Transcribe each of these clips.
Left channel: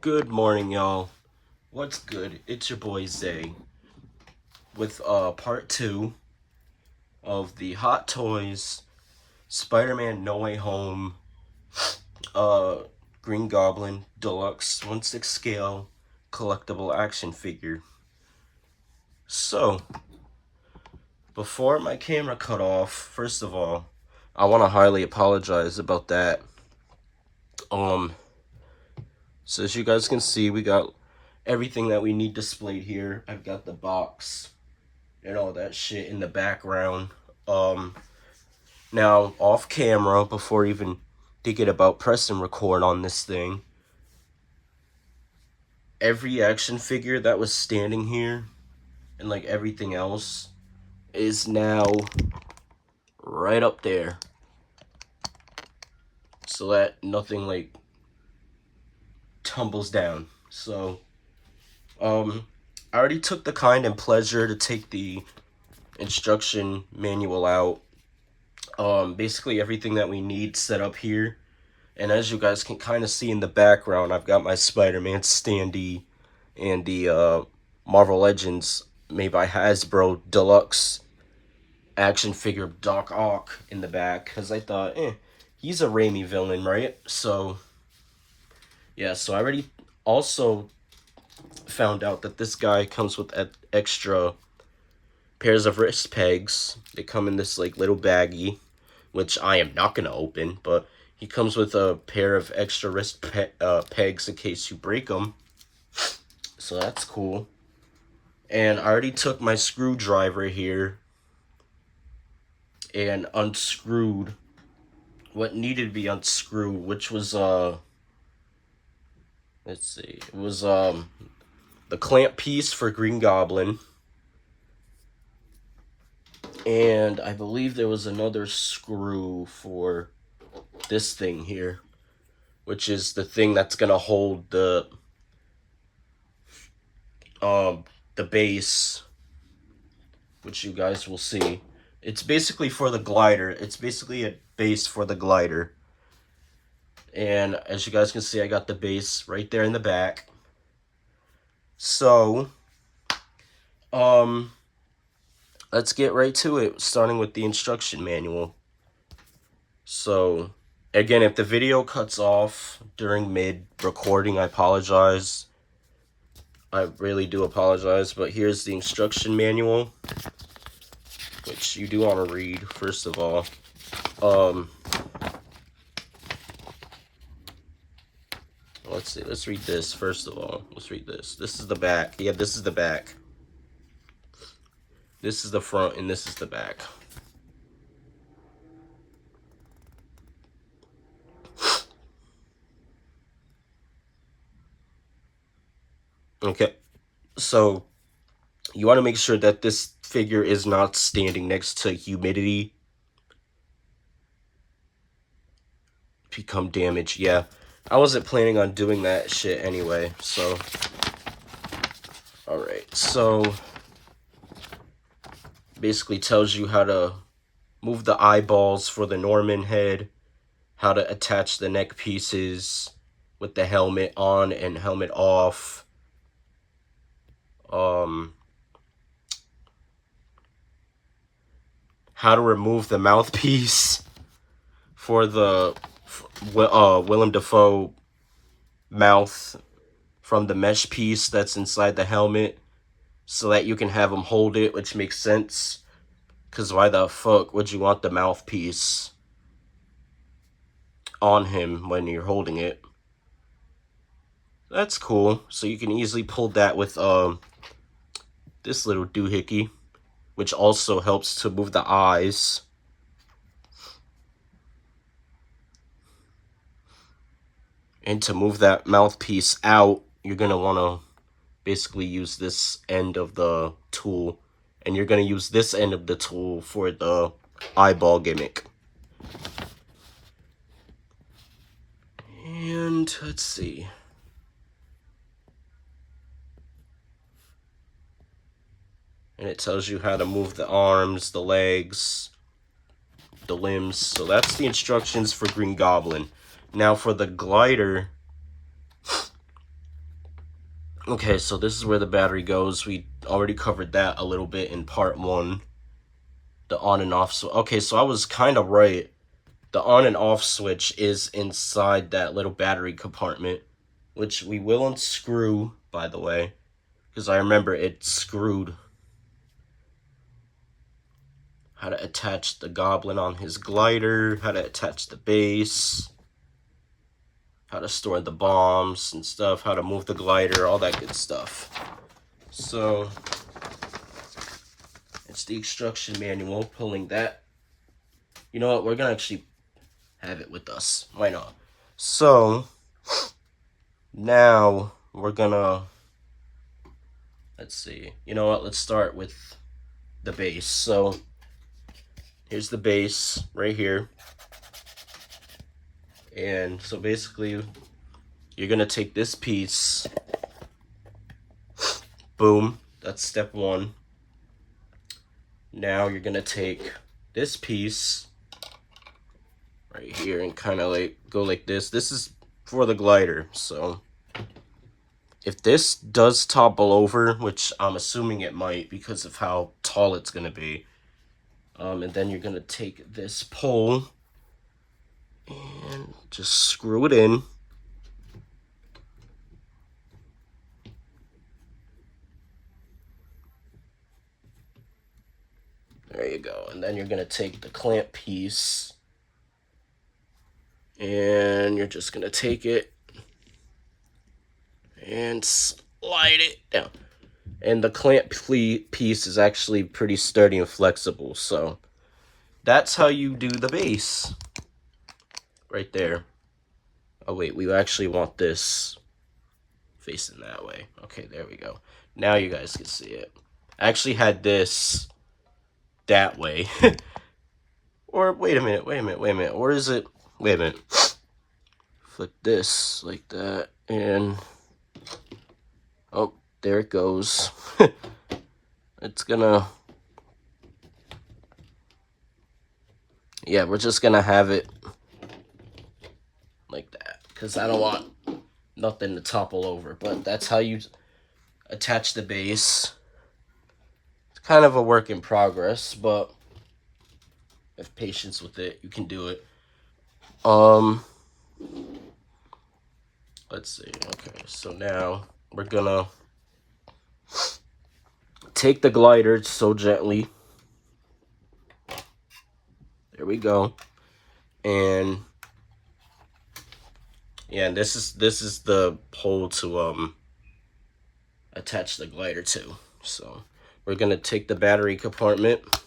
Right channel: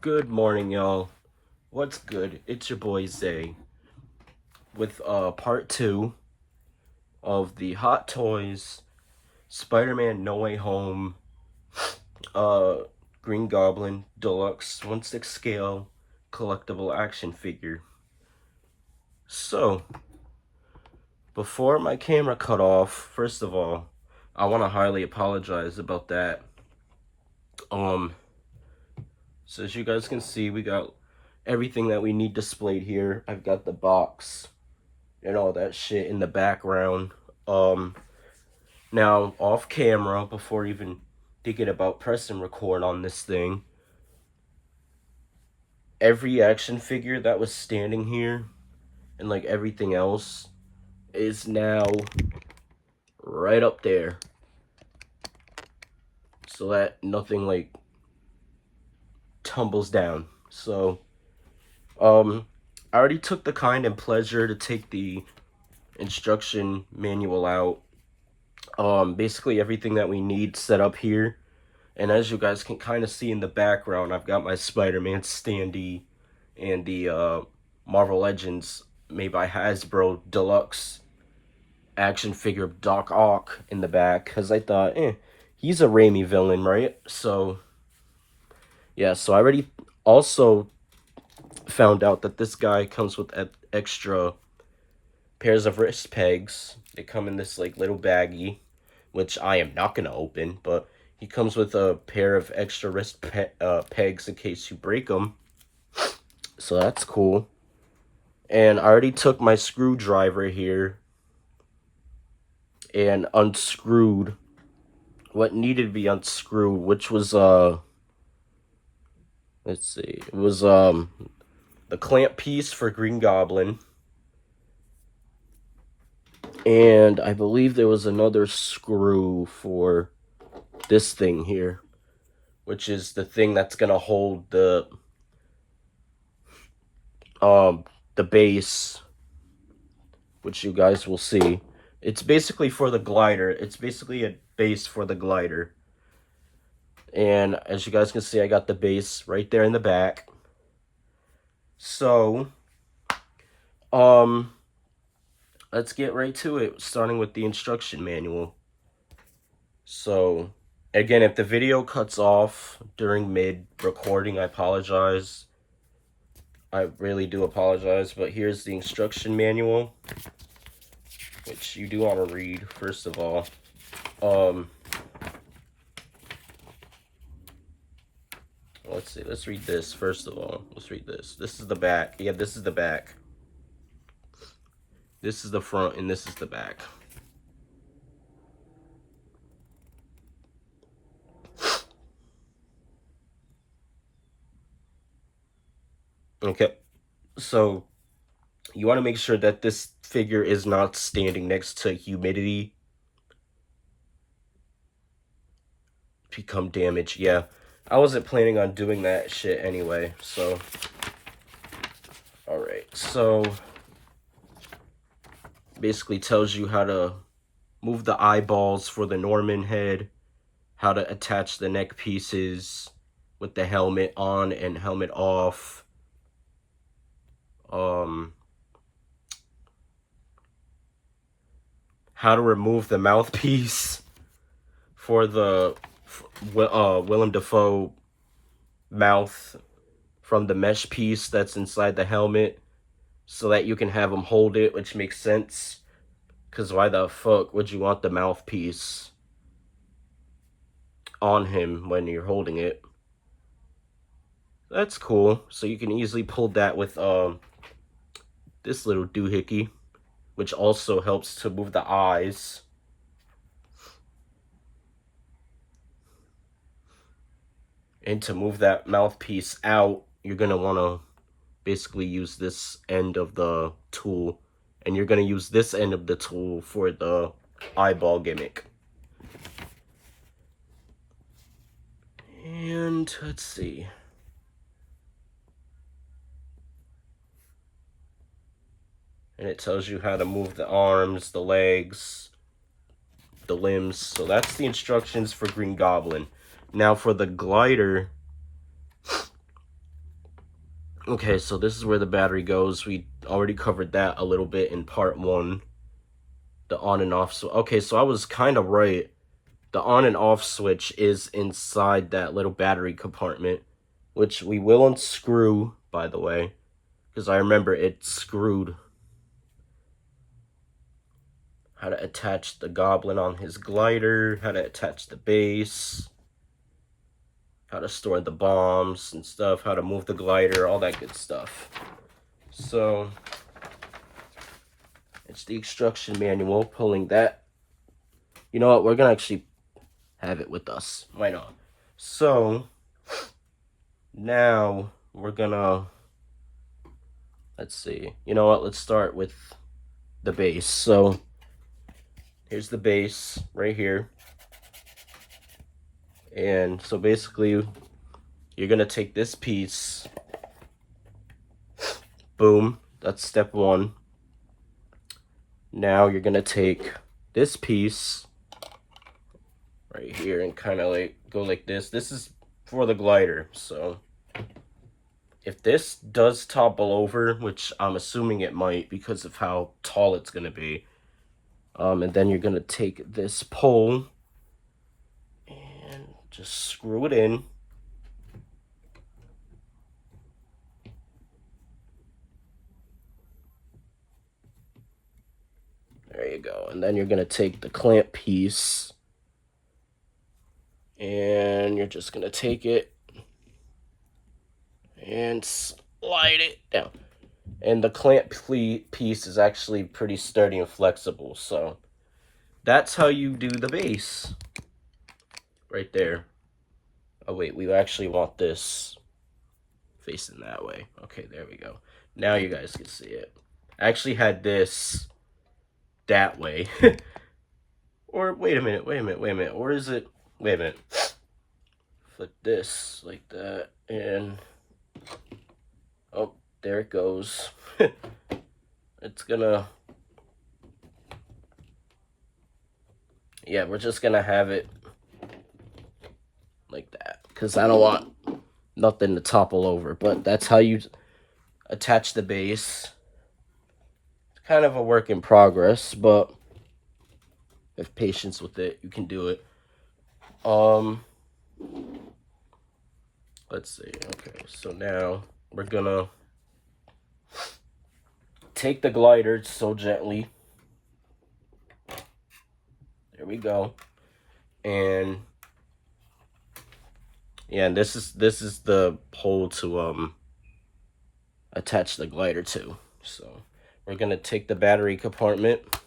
Good morning, y'all. What's good? It's your boy Zay with part 2 of the Hot Toys Spider-Man No Way Home uh Green Goblin Deluxe 1/6 scale collectible action figure. So, before my camera cut off, first of all, I want to highly apologize about that. So as you guys can see, we got everything that we need displayed here. I've got the box and all that shit in the background. Now, off camera, before even thinking about press and record on this thing, every action figure that was standing here and like everything else is now right up there, so that nothing like tumbles down. So, I already took the kind and pleasure to take the instruction manual out. Basically everything that we need set up here. And as you guys can kind of see in the background, I've got my Spider-Man standee and the Marvel Legends made by Hasbro Deluxe action figure of Doc Ock in the back, because I thought, he's a Raimi villain, right? So, yeah, so I already also found out that this guy comes with extra pairs of wrist pegs. They come in this like little baggie, which I am not gonna open, but he comes with a pair of extra wrist pegs in case you break them. So that's cool. And I already took my screwdriver here and unscrewed what needed to be unscrewed, which was let's see, it was the clamp piece for Green Goblin. And I believe there was another screw for this thing here, which is the thing that's gonna hold the base, which you guys will see. It's basically for the glider. It's basically a base for the glider. And as you guys can see, I got the base right there in the back. So, let's get right to it, starting with the instruction manual. So, again, if the video cuts off during mid-recording, I apologize. I really do apologize, but here's the instruction manual, which you do want to read, first of all. Let's see, let's read this, first of all. Let's read this. This is the back. Yeah, this is the back. This is the front, and this is the back. Okay, so you want to make sure that this figure is not standing next to humidity. Become damaged. Yeah, I wasn't planning on doing that shit anyway, so. Alright, so basically tells you how to move the eyeballs for the Norman head, how to attach the neck pieces with the helmet on and helmet off. How to remove the mouthpiece for the Willem Dafoe mouth from the mesh piece that's inside the helmet, so that you can have him hold it, which makes sense. Because why the fuck would you want the mouthpiece on him when you're holding it? That's cool. So you can easily pull that with this little doohickey, which also helps to move the eyes. And to move that mouthpiece out, you're going to want to basically use this end of the tool. And you're going to use this end of the tool for the eyeball gimmick. And let's see. And it tells you how to move the arms, the legs, the limbs. So that's the instructions for Green Goblin. Now for the glider, Okay, so this is where the battery goes. We already covered that a little bit in part 1. The on and off. So okay, so I was kind of right. The on and off switch is inside that little battery compartment, which we will unscrew, by the way, because I remember it screwed. How to attach the Goblin on his glider, how to attach the base, how to store the bombs and stuff, how to move the glider, all that good stuff. So it's the instruction manual, pulling that. You know what, we're gonna actually have it with us. Why not? So now we're gonna, let's see. You know what, let's start with the base. So here's the base right here. And so basically you're gonna take this piece, boom, that's step 1. Now you're gonna take this piece right here and kind of like go like this. This is for the glider, so if this does topple over, which I'm assuming it might because of how tall it's gonna be, and then you're gonna take this pole and just screw it in. There you go. And then you're gonna take the clamp piece and you're just gonna take it and slide it down. And the clamp piece is actually pretty sturdy and flexible, so that's how you do the base right there. Oh wait, we actually want this facing that way. Okay, there we go. Now you guys can see it. I actually had this that way. Or wait a minute. Or is it, wait a minute. Flip this like that and oh, there it goes. It's gonna, yeah, we're just gonna have it like that because I don't want nothing to topple over. But that's how you attach the base. It's kind of a work in progress, but have patience with it, you can do it. Let's see. Okay, so now we're gonna take the glider so gently. There we go. And yeah, and this is the hole to attach the glider to. So we're gonna take the battery compartment.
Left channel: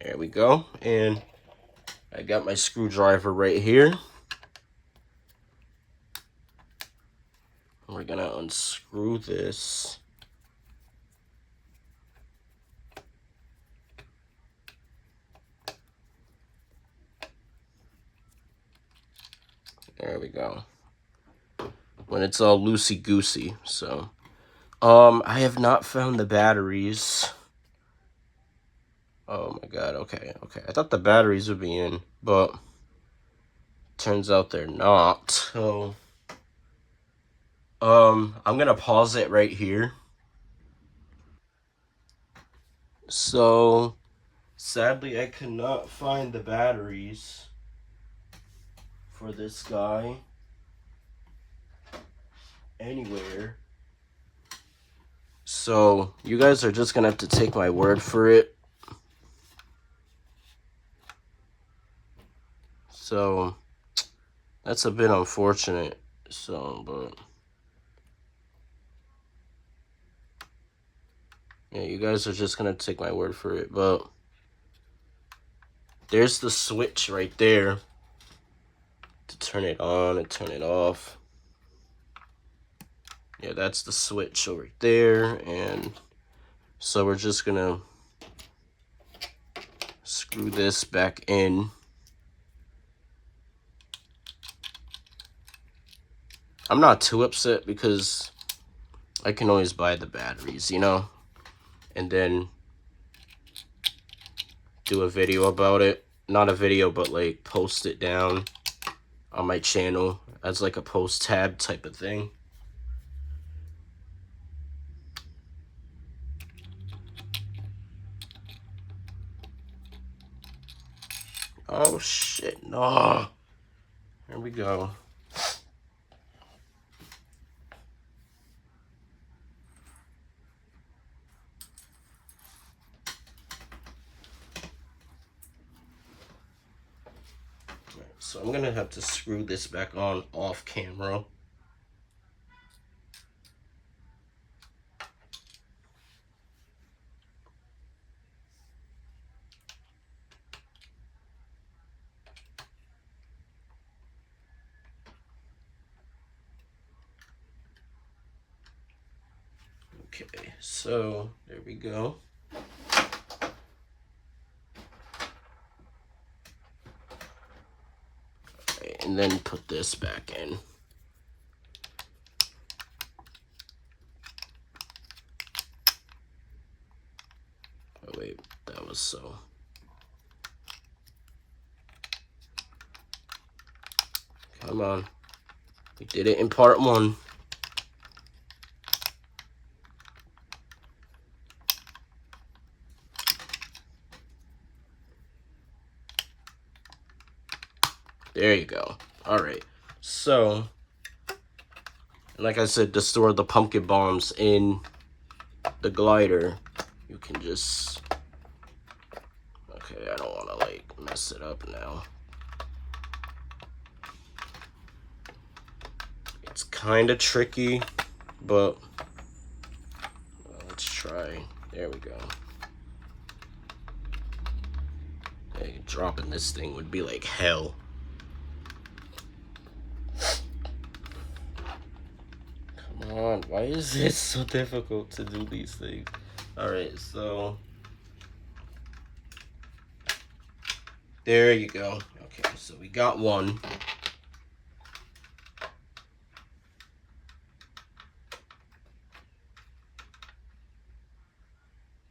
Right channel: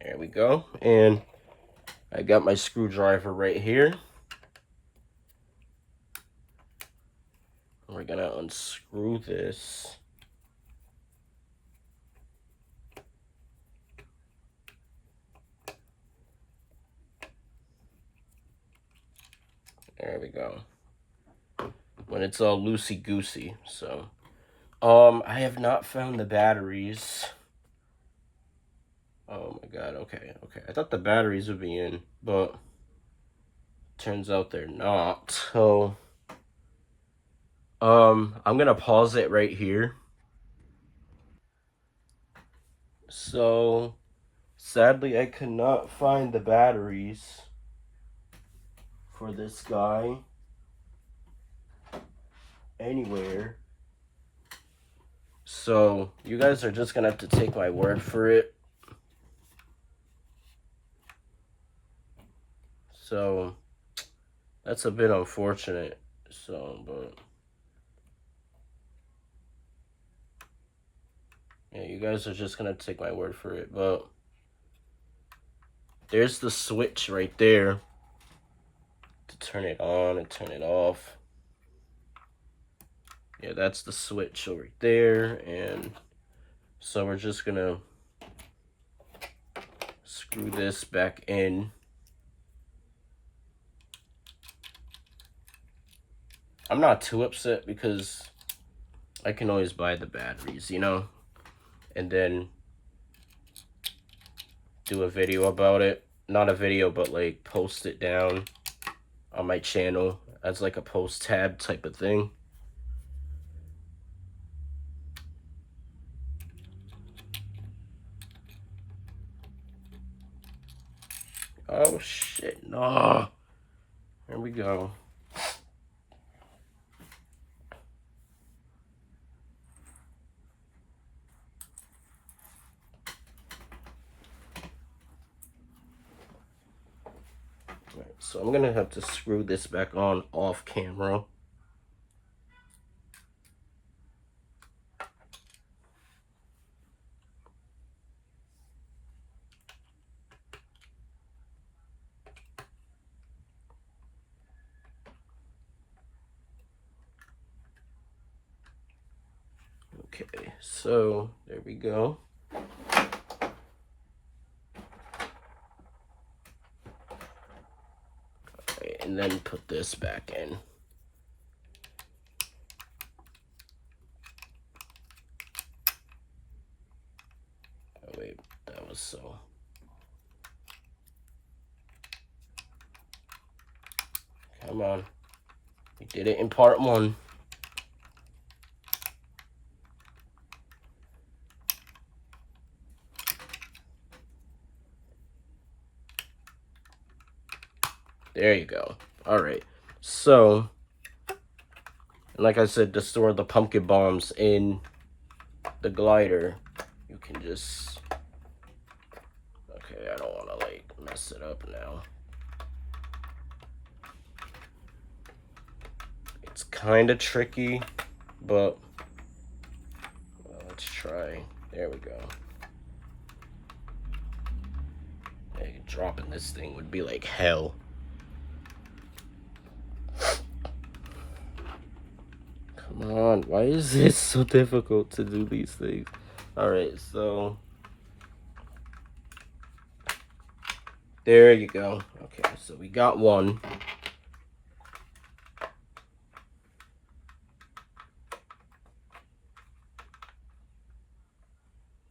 There we go. And I got my screwdriver right here. We're gonna unscrew this. There we go. When it's all loosey-goosey, so. I have not found the batteries. Oh my god, okay. I thought the batteries would be in, but turns out they're not. So, I'm gonna pause it right here. So, sadly, I cannot find the batteries for this guy anywhere. So, you guys are just gonna have to take my word for it. So, that's a bit unfortunate. So, but yeah, you guys are just gonna take my word for it. But there's the switch right there to turn it on and turn it off. Yeah, that's the switch over there. And so we're just gonna screw this back in. I'm not too upset because I can always buy the batteries, you know, and then do a video about it. Not a video, but like post it down on my channel as like a post tab type of thing. Oh shit, no. Here we go. Right, so I'm gonna have to screw this back on off camera. Okay, so there we go. Okay, and then put this back in. Oh wait, that was so. Come on. We did it in part 1. There you go. All right. So, like I said, to store the pumpkin bombs in the glider, you can just... Okay, I don't want to, like, mess it up now. It's kind of tricky, but let's try. There we go. Hey, dropping this thing would be like hell. Come on, why is it so difficult to do these things? Alright, so there you go. Okay, so we got one.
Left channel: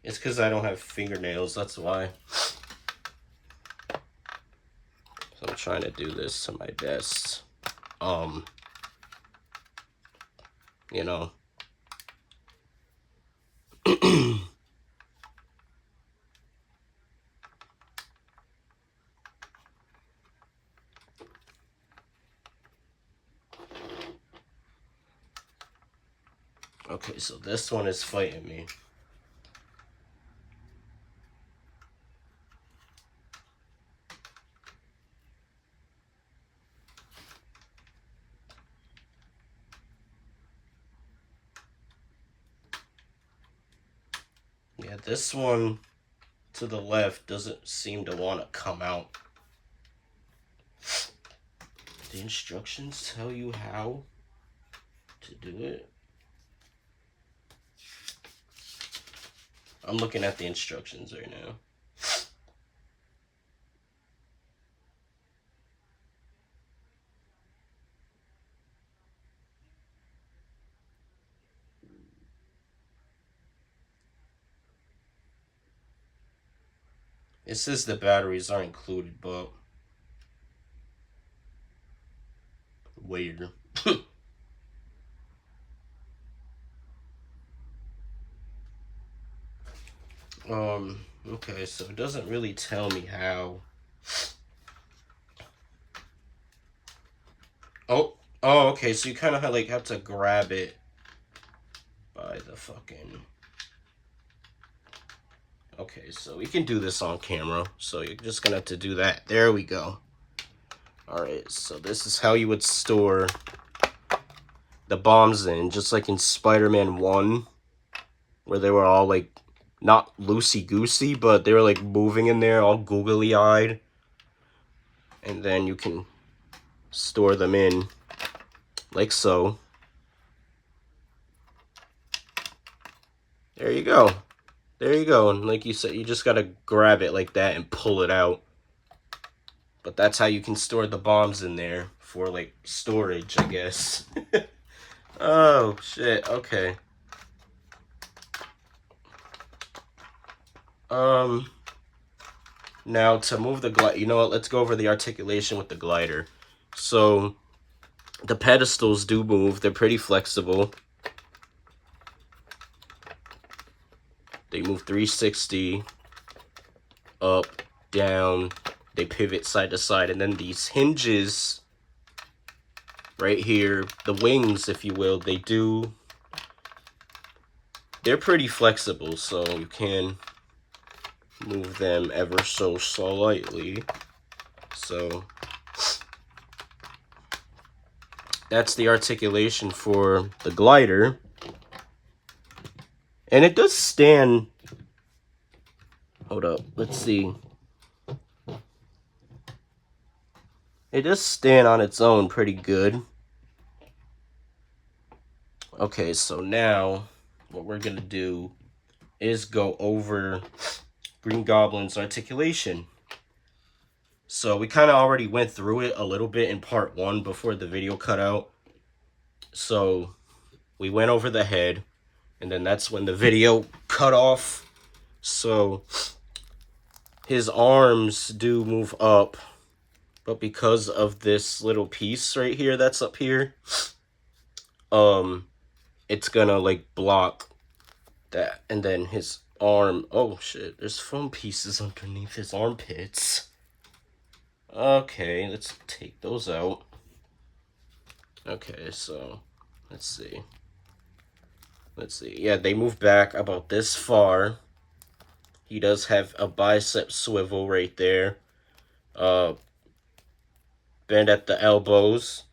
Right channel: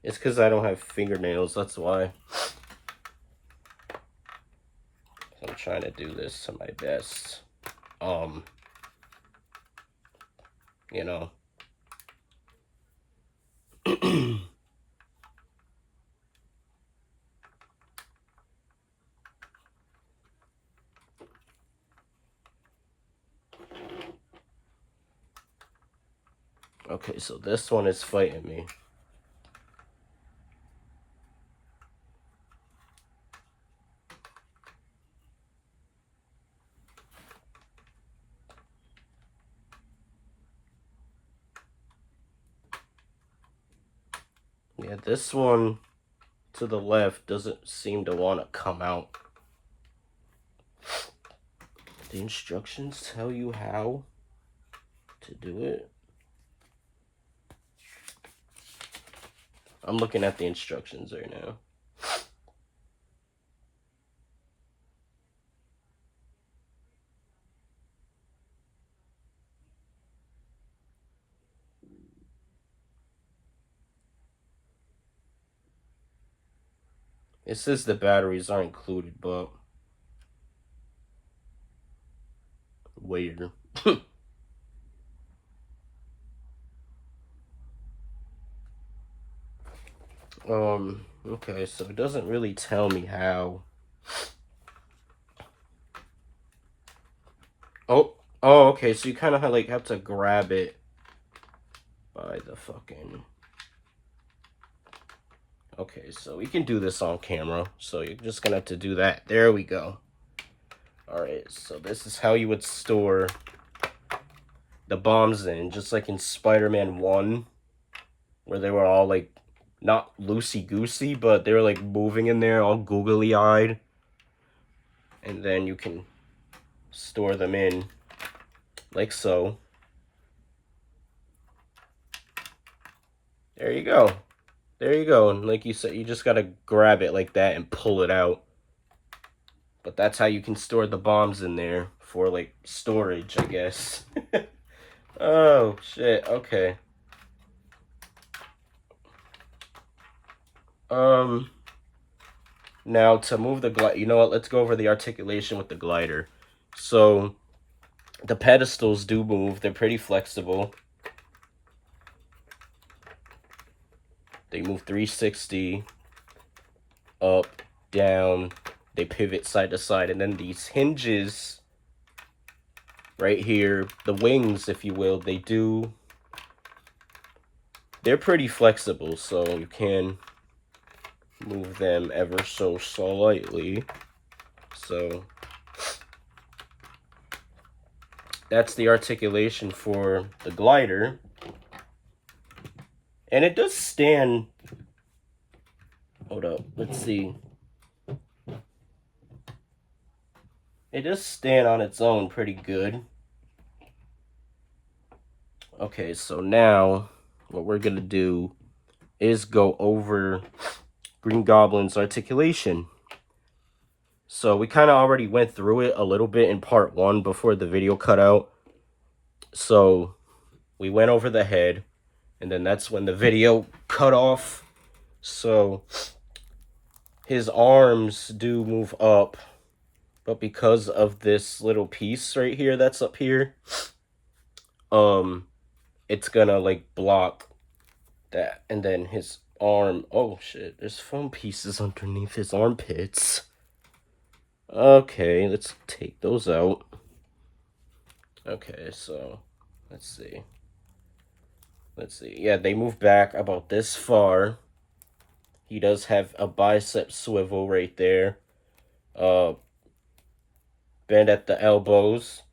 It's because I don't have fingernails, that's why. So I'm trying to do this to my best. You know. Okay, so this one is fighting me. Yeah, this one to the left doesn't seem to want to come out. The instructions tell you how to do it. I'm looking at the instructions right now. It says the batteries are included, but weird. Okay, so it doesn't really tell me how. Oh, okay, so you kind of like have to grab it by the fucking... Okay, so we can do this on camera, so you're just gonna have to do that. There we go. Alright, so this is how you would store the bombs in, just like in Spider-Man 1, where they were all like, not loosey-goosey, but they were like moving in there, all googly-eyed. And then you can store them in, like so. There you go. There you go. And like you said, you just gotta grab it like that and pull it out. But that's how you can store the bombs in there for like storage, I guess. Oh, shit. Okay. Now to move the glider, you know what? Let's go over the articulation with the glider. So the pedestals do move. They're pretty flexible. They move 360, up, down. They pivot side to side. And then these hinges right here, the wings, if you will, they're pretty flexible. So you can move them ever so slightly. So that's the articulation for the glider. And it does stand. Hold up, let's see. It does stand on its own pretty good. Okay, so now what we're gonna do is go over Green Goblin's articulation. So we kind of already went through it a little bit in part 1 before the video cut out. So we went over the head, and then that's when the video cut off. So his arms do move up, but because of this little piece right here that's up here, it's gonna like block that. And then his arm, oh shit, there's foam pieces underneath his armpits. Okay, let's take those out. Okay, so let's see. Yeah, they move back about this far. He does have a bicep swivel right there. Bend at the elbows.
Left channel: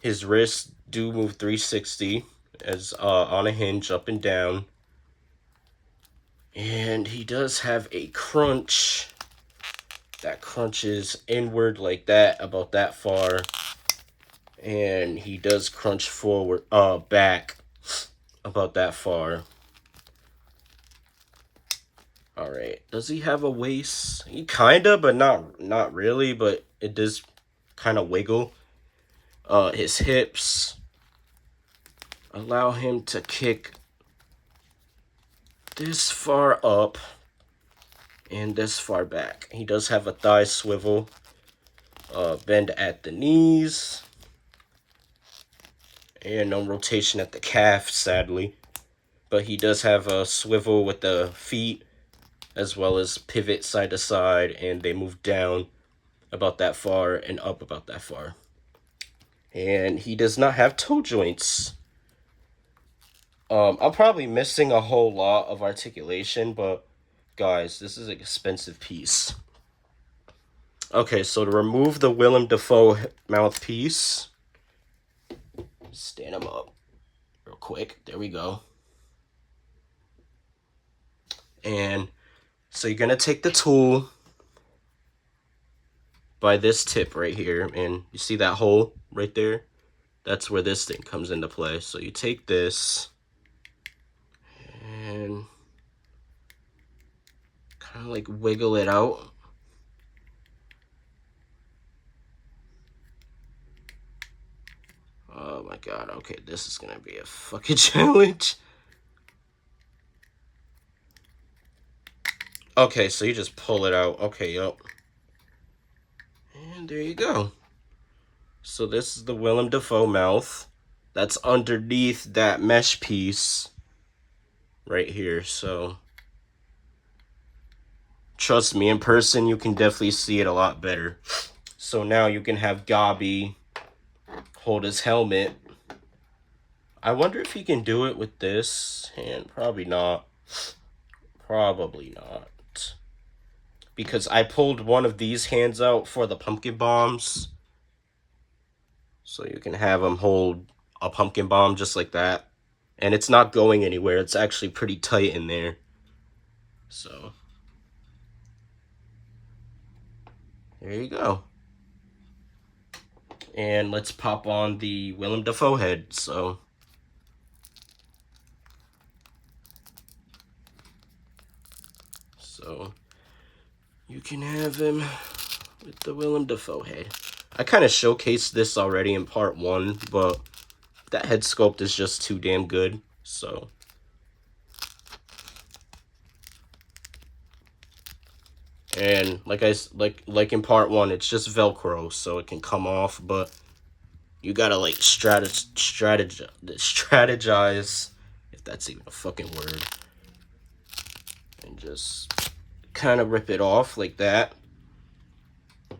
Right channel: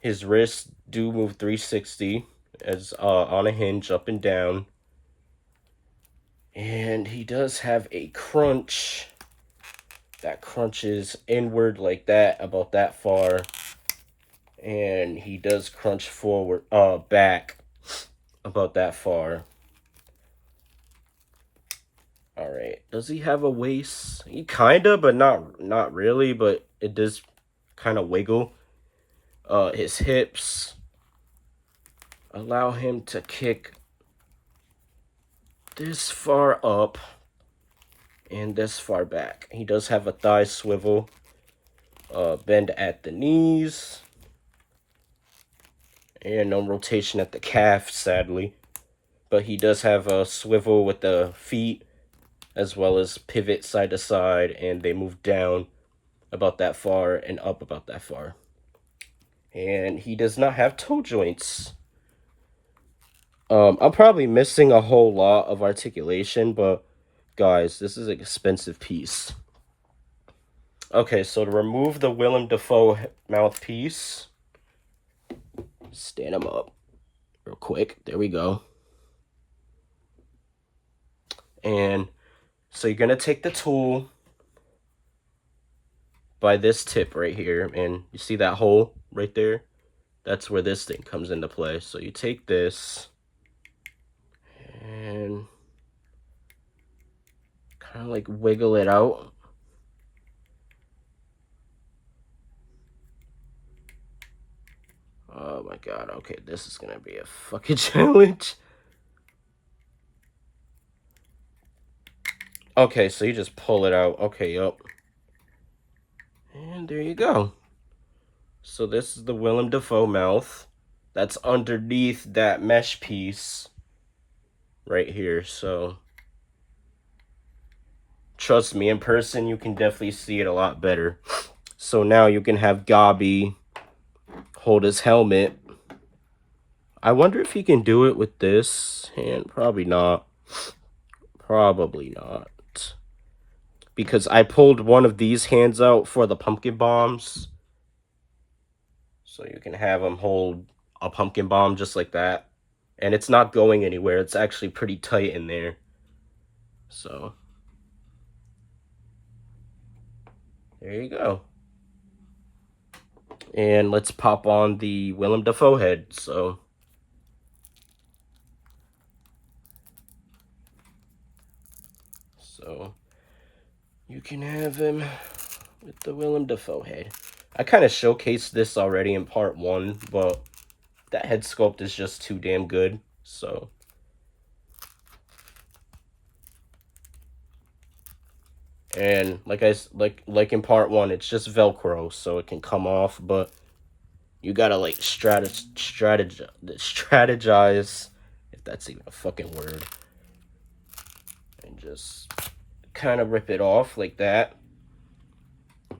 His wrists do move 360 as on a hinge, up and down. And he does have a crunch that crunches inward like that, about that far. And he does crunch forward, back about that far. All right. Does he have a waist? He kinda, but not really. But it does kind of wiggle. His hips allow him to kick this far up and this far back. He does have a thigh swivel. Bend at the knees. And no rotation at the calf, sadly. But he does have a swivel with the feet, as well as pivot side to side, and they move down about that far and up about that far. And he does not have toe joints. I'm probably missing a whole lot of articulation, but guys, this is an expensive piece. Okay, so to remove the Willem Dafoe mouthpiece, stand him up real quick. There we go. And so you're gonna take the tool by this tip right here, and you see that hole right there? That's where this thing comes into play. So you take this and kind of like wiggle it out. Oh my god, okay, this is gonna be a fucking challenge. Okay, so you just pull it out. Okay, yup. And there you go. So this is the Willem Dafoe mouth. That's underneath that mesh piece right here. So trust me, in person, you can definitely see it a lot better. So now you can have Gobby hold his helmet. I wonder if he can do it with this hand. Probably not. Probably not. Because I pulled one of these hands out for the pumpkin bombs. So you can have him hold a pumpkin bomb just like that. And it's not going anywhere. It's actually pretty tight in there. So there you go. And let's pop on the Willem Dafoe head. So you can have him with the Willem Dafoe head. I kind of showcased this already in part 1, but that head sculpt is just too damn good. So And like in part 1, it's just Velcro, so it can come off, but you gotta like strategize, if that's even a fucking word, and just kind of rip it off like that.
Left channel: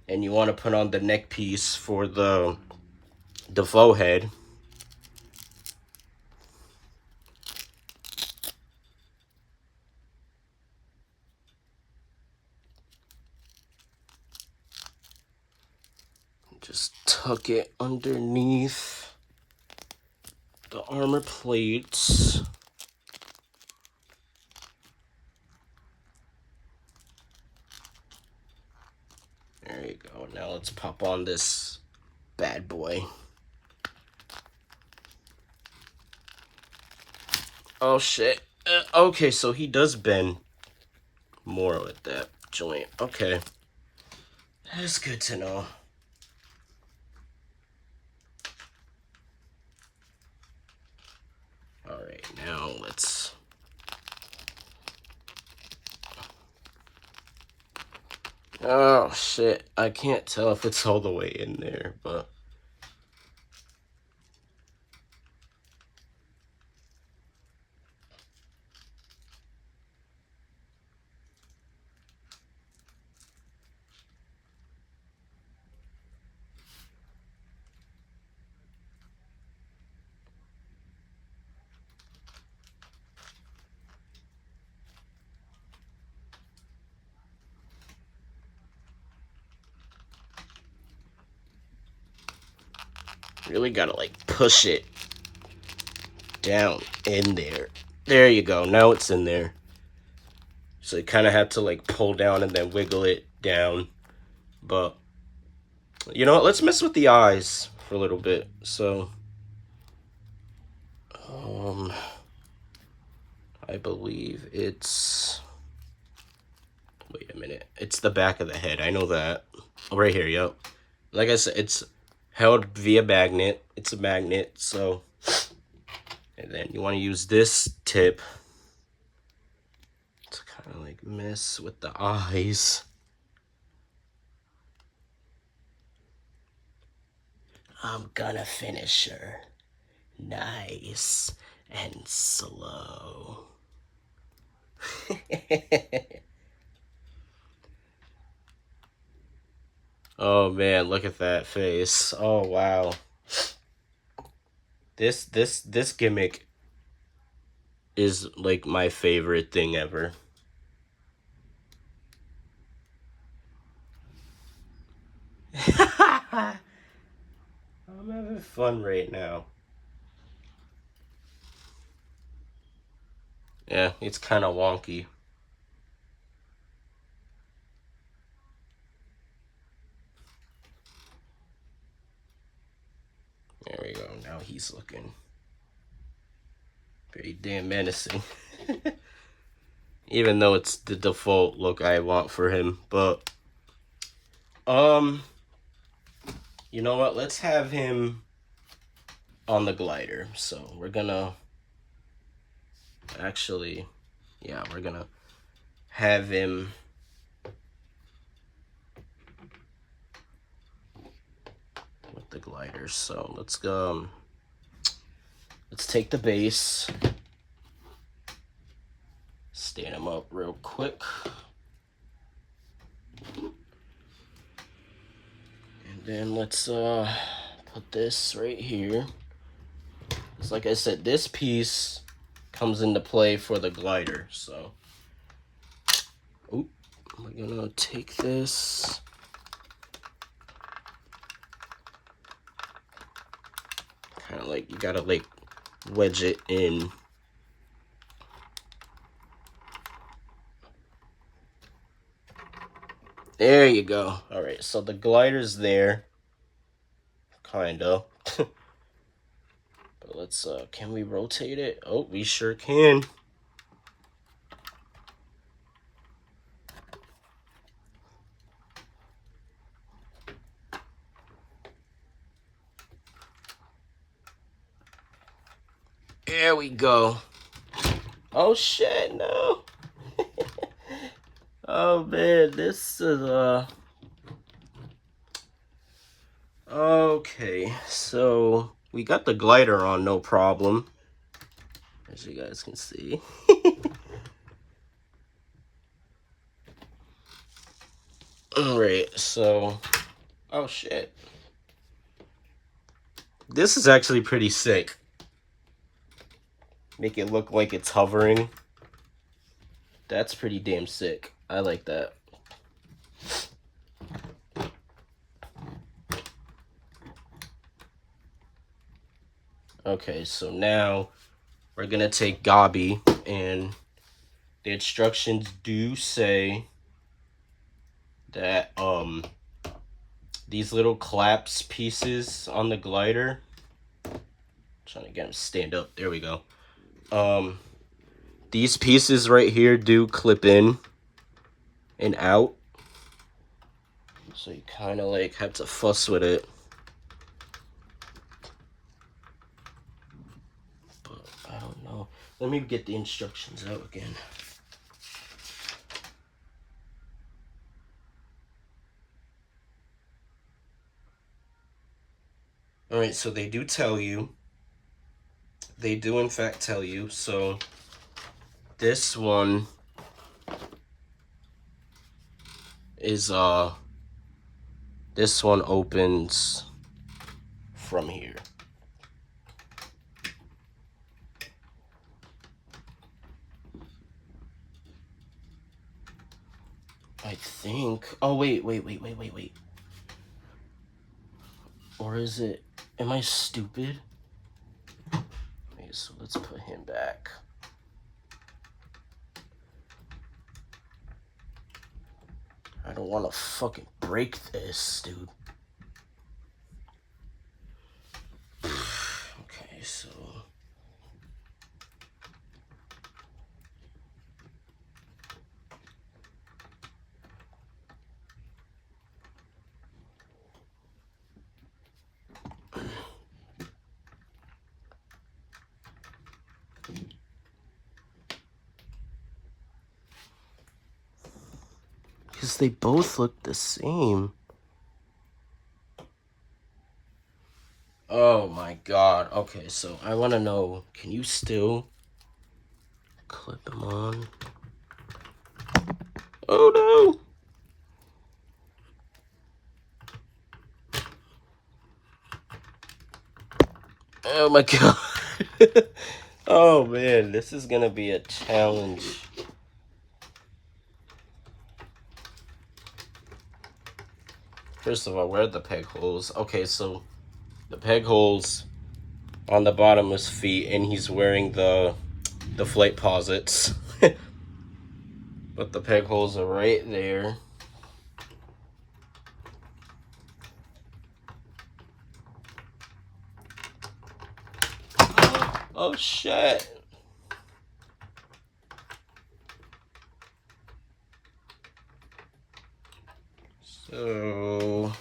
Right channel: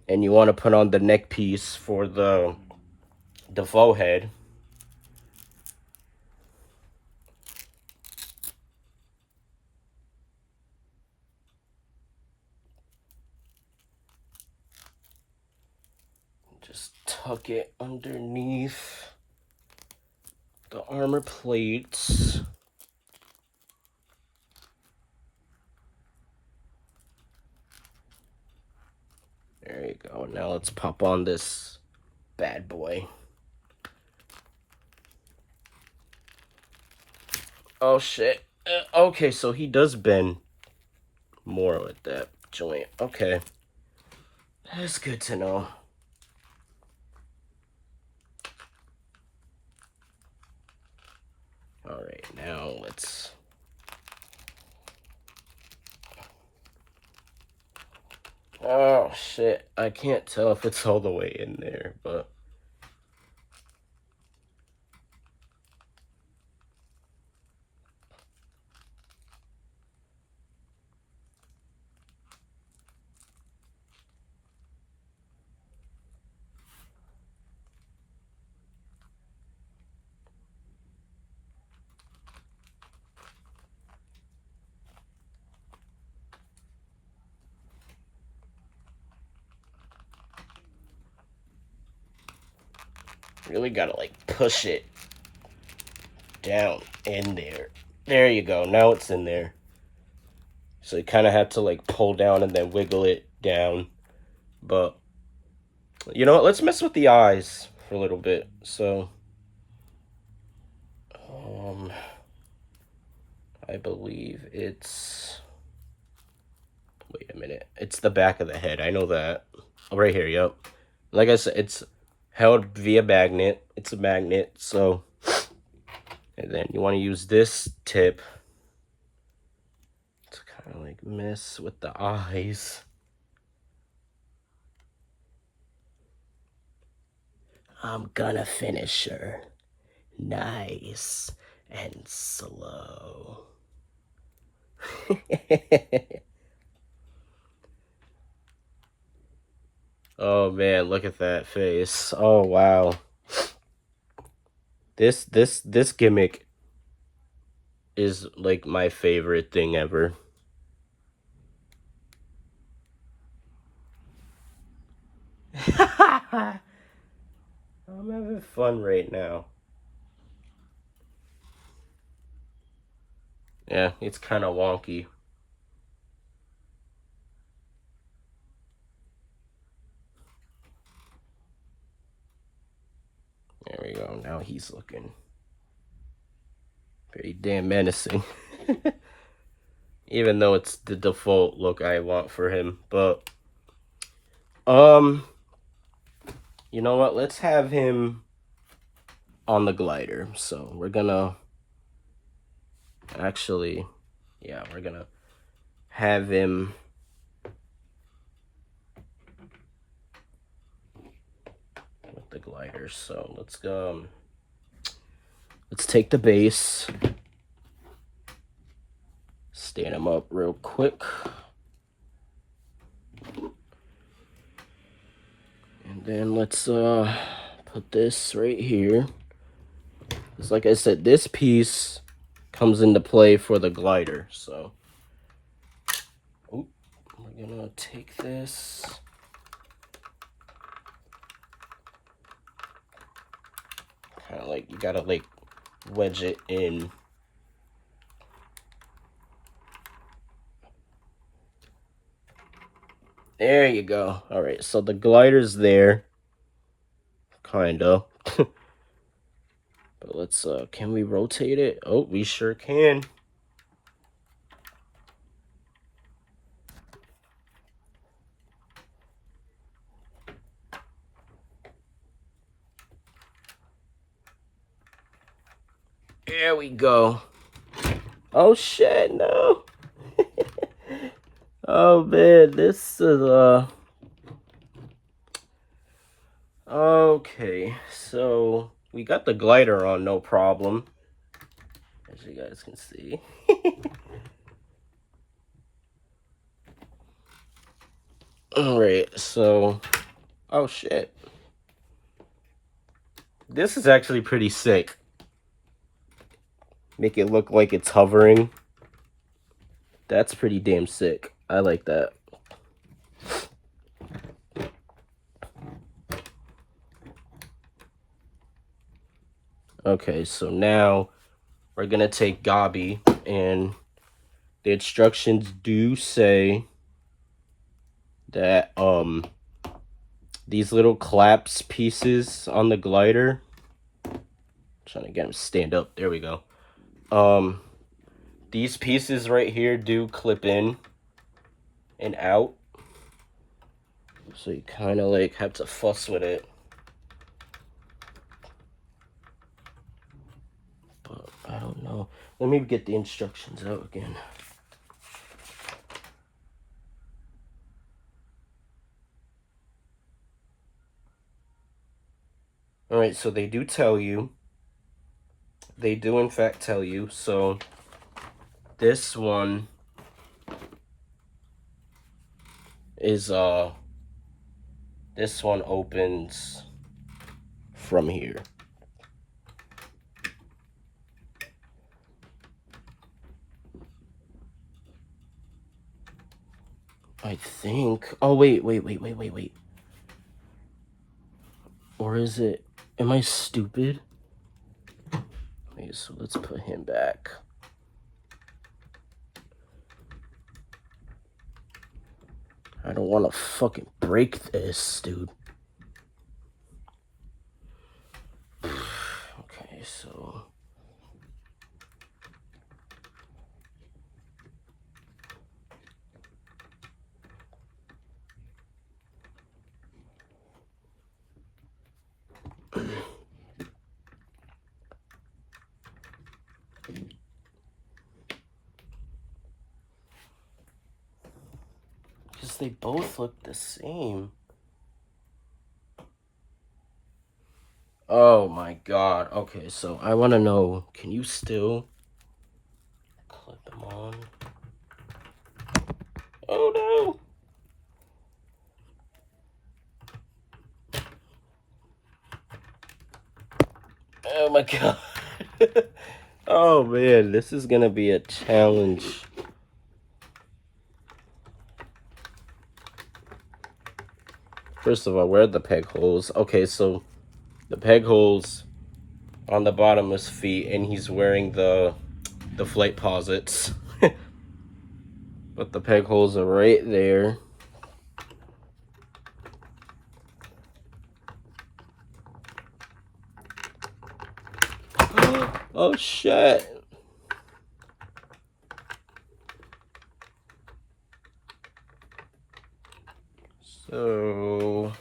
And you want to put on the neck piece for the faux head. Just tuck it underneath the armor plates. There you go. Now let's pop on this bad boy. Oh shit. Okay, so he does bend more with that joint. Okay. That's good to know. Alright, now let's... Oh shit. I can't tell if it's all the way in there, but... really gotta like push it down in there. There you go. Now it's in there. So you kind of have to like pull down and then wiggle it down. But you know what? Let's mess with the eyes for a little bit. So I believe it's... Wait a minute. It's the back of the head. I know that. Right here, yep. Like I said, it's held via magnet. It's a magnet, so... And then you want to use this tip to kind of like mess with the eyes. I'm gonna finish her nice and slow. Oh man, look at that face. Oh wow. This gimmick is like my favorite thing ever. I'm having fun right now. Yeah, it's kind of wonky. There we go. Now he's looking very damn menacing. Even though it's the default look I want for him. But, you know what? Let's have him on the glider. So we're gonna actually, yeah, we're gonna have him with the glider. So let's go. Let's take the base, stand him up real quick, and then let's put this right here. It's like I said, this piece comes into play for the glider. So, we're gonna take this. Kind of like you gotta like wedge it in. There you go. All right, so the glider's there, kinda. But let's can we rotate it? Oh, we sure can. There we go. Oh shit, no. Oh man, this is okay, so we got the glider on, no problem, as you guys can see. Alright, so oh shit. This is actually pretty sick. Make it look like it's hovering. That's pretty damn sick. I like that. Okay, so now we're gonna take Gabi, and the instructions do say that these little claps pieces on the glider, I'm trying to get him to stand up, there we go. These pieces right here do clip in and out, so you kind of like have to fuss with it. But I don't know. Let me get the instructions out again. Alright, so they do tell you. They do in fact tell you. So this one is this one opens from here. I think. Oh wait. Or is it? Am I stupid? Okay, so let's put him back. I don't want to fucking break this, dude. Okay, so. Because they both look the same. Oh my god. Okay, so I want to know, can you still clip them on? Oh no! Oh my god. Oh man, this is gonna be a challenge. First of all, where are the peg holes? Okay, so the peg holes on the bottom of his feet, and he's wearing the flight posits. But the peg holes are right there. Oh shit. So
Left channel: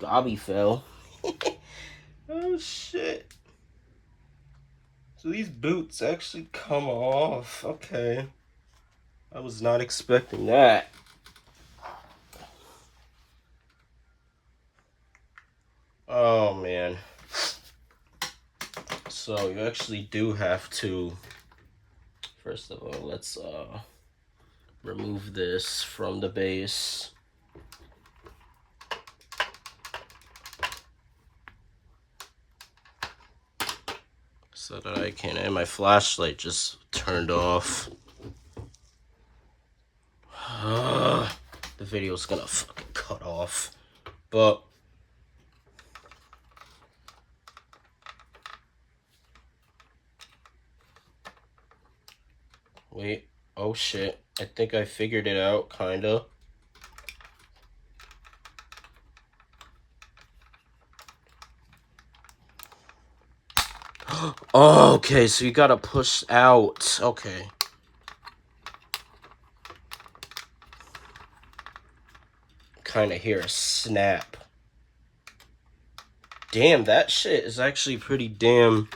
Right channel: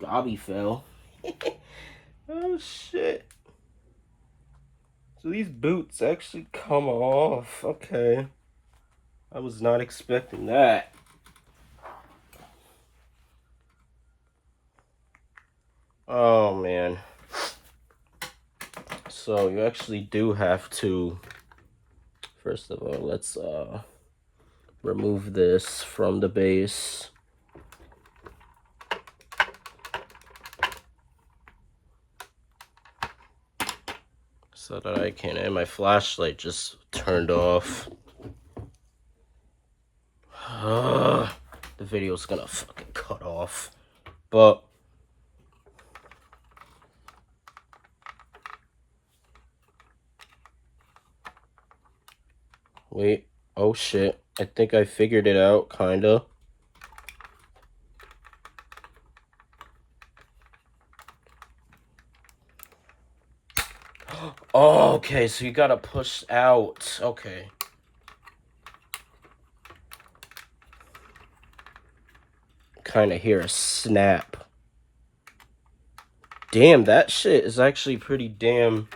Gabi fell. Oh shit. So these boots actually come off. Okay. I was not expecting that. Oh man. So you actually do have to, first of all, let's remove this from the base. So that I can, and my flashlight just turned off. The video's gonna fucking cut off. But wait, oh shit. I think I figured it out, kinda. Oh, okay, so you gotta push out. Okay. Kinda hear a snap. Damn, that shit is actually pretty damn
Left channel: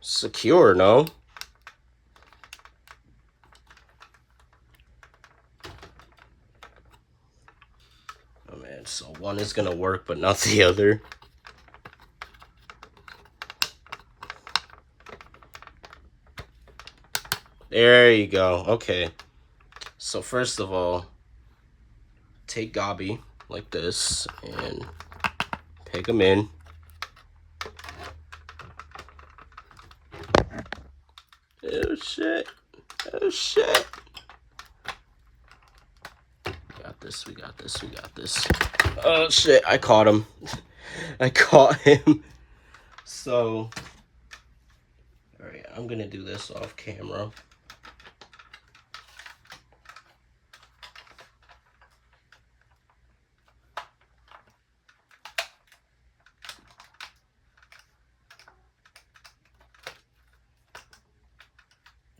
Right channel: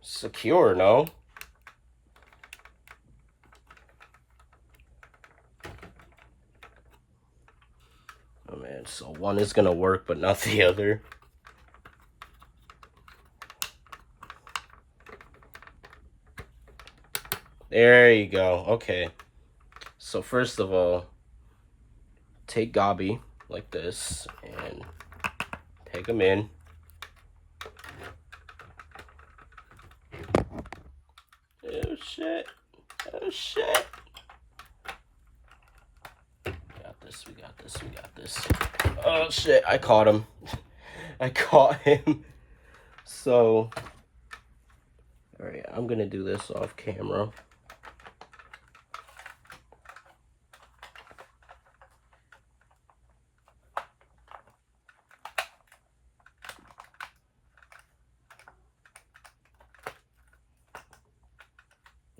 secure, no? Oh man, so one is gonna work, but not the other. There you go. Okay. So first of all, take Gobby like this and peg him in. Oh shit. Oh shit. Got this, we got this, we got this. Oh shit, I caught him. I caught him. So, alright, I'm gonna do this off camera.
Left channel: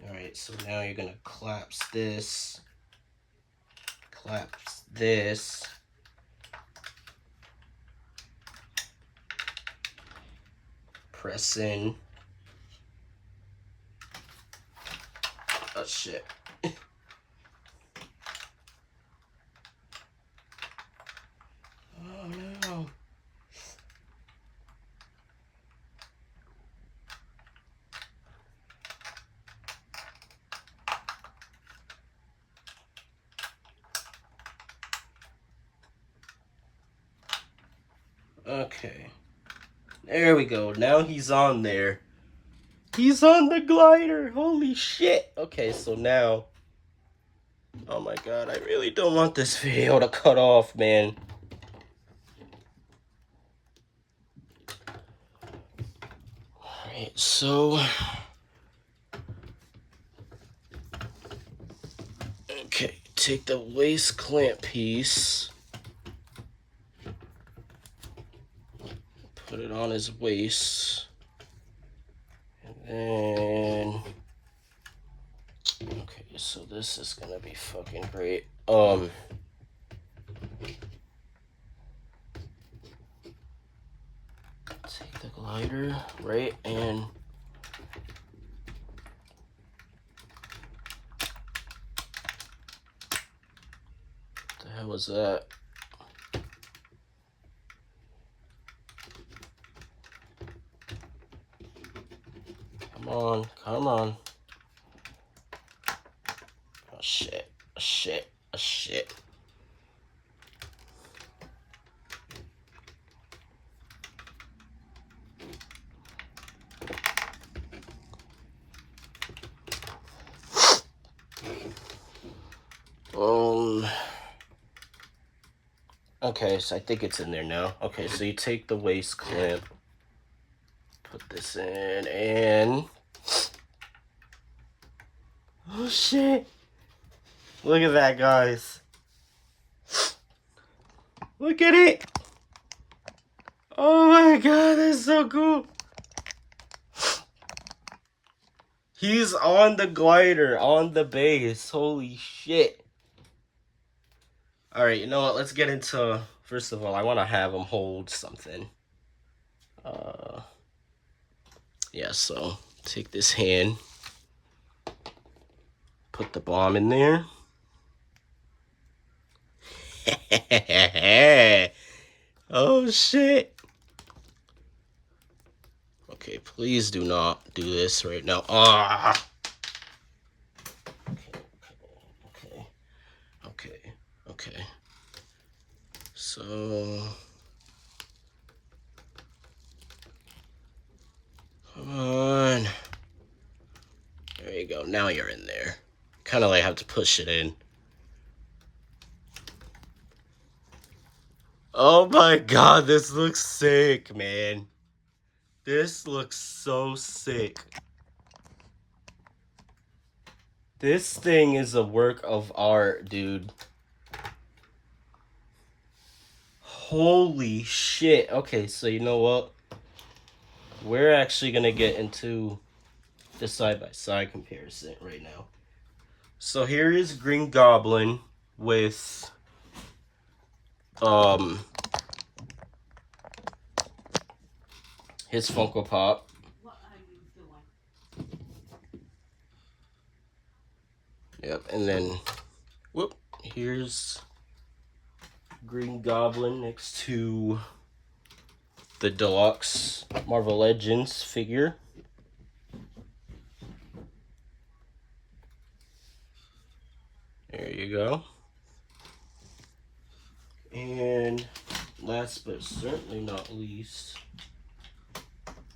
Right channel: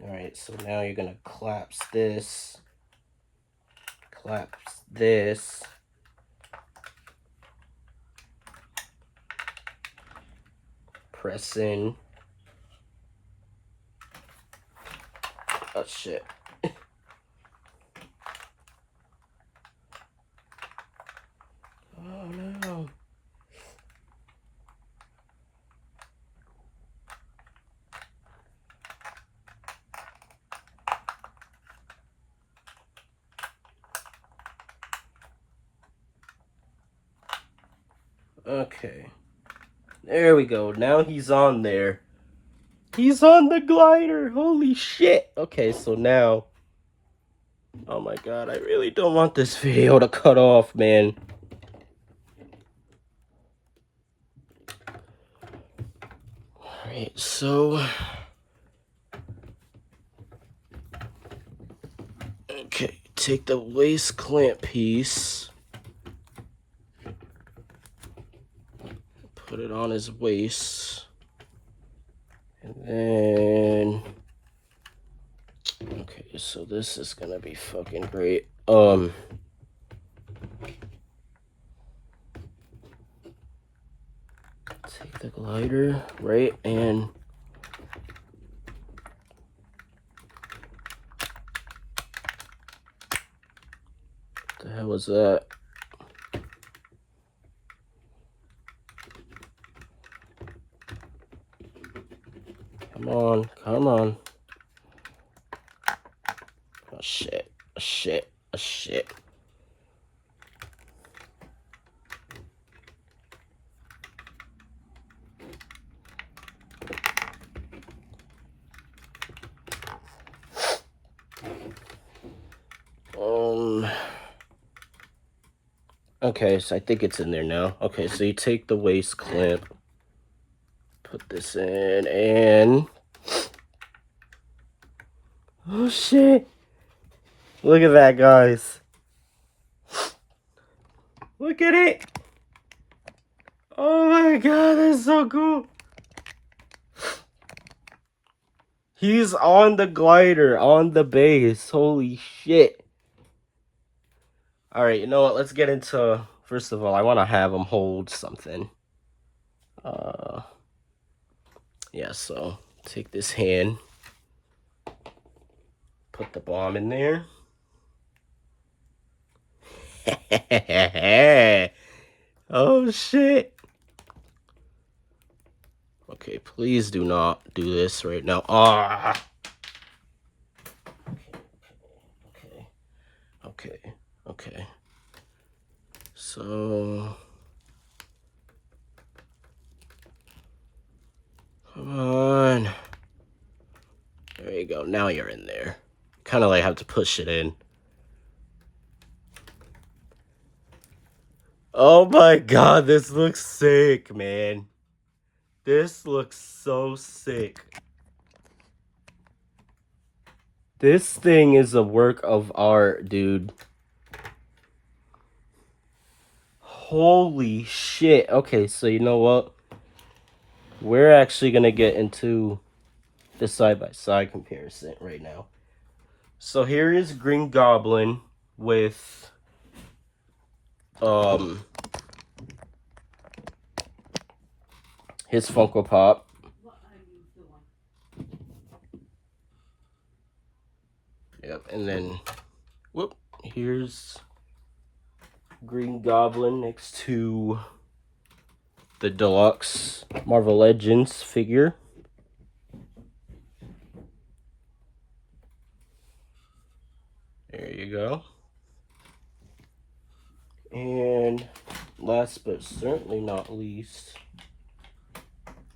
Alright, so now you're gonna collapse this. Collapse this. Press in. Oh shit. Oh no. Okay. There we go. Now he's on there. He's on the glider. Holy shit. Okay, so now. Oh my god, I really don't want this video to cut off, man. Alright, so. Okay, take the waist clamp piece. Put it on his waist. And then. Okay, so this is gonna be fucking great. Take the glider, right, and what the hell was that? Come on, come on. Oh shit, oh shit, oh shit. Okay, so I think it's in there now. Okay, so you take the waist clamp, put this in, and oh shit! Look at that, guys. Look at it! Oh my god, that's so cool! He's on the glider, on the base. Holy shit. Alright, you know what? Let's get into... First of all, I want to have him hold something. Yeah, so take this hand. Put the bomb in there. Oh, shit. Okay, please do not do this right now. Ah. Okay. So, come on. There you go. Now you're in there. Kind of like have to push it in. Oh my god, this looks sick, man. This looks so sick. This thing is a work of art, dude. Holy shit. Okay, so you know what? We're actually going to get into the side-by-side comparison right now. So here is Green Goblin with his Funko Pop. Yep, and then whoop, here's Green Goblin next to the deluxe Marvel Legends figure. There you go. And last but certainly not least,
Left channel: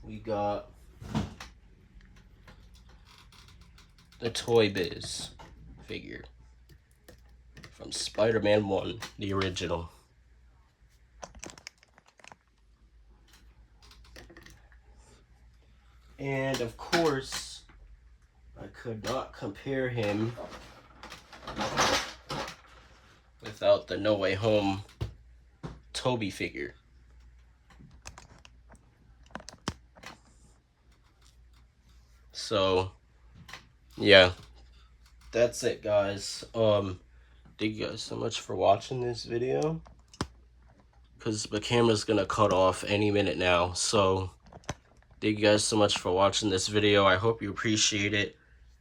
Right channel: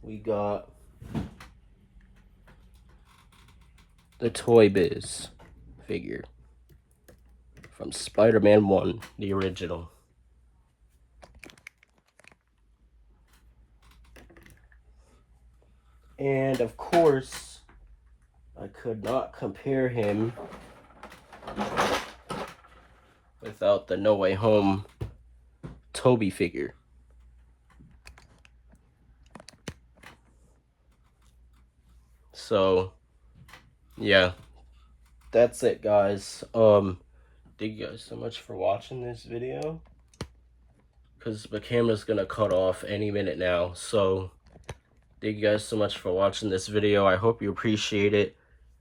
we got the Toy Biz figure from Spider-Man 1, the original. And of course, I could not compare him without the No Way Home Tobey figure. So, yeah, that's it, guys. Thank you guys so much for watching this video, because the camera's gonna cut off any minute now. So, thank you guys so much for watching this video. I hope you appreciate it.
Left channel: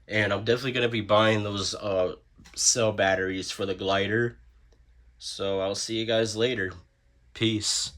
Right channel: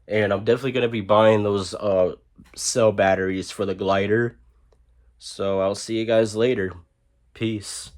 And I'm definitely gonna be buying those cell batteries for the glider. So I'll see you guys later. Peace.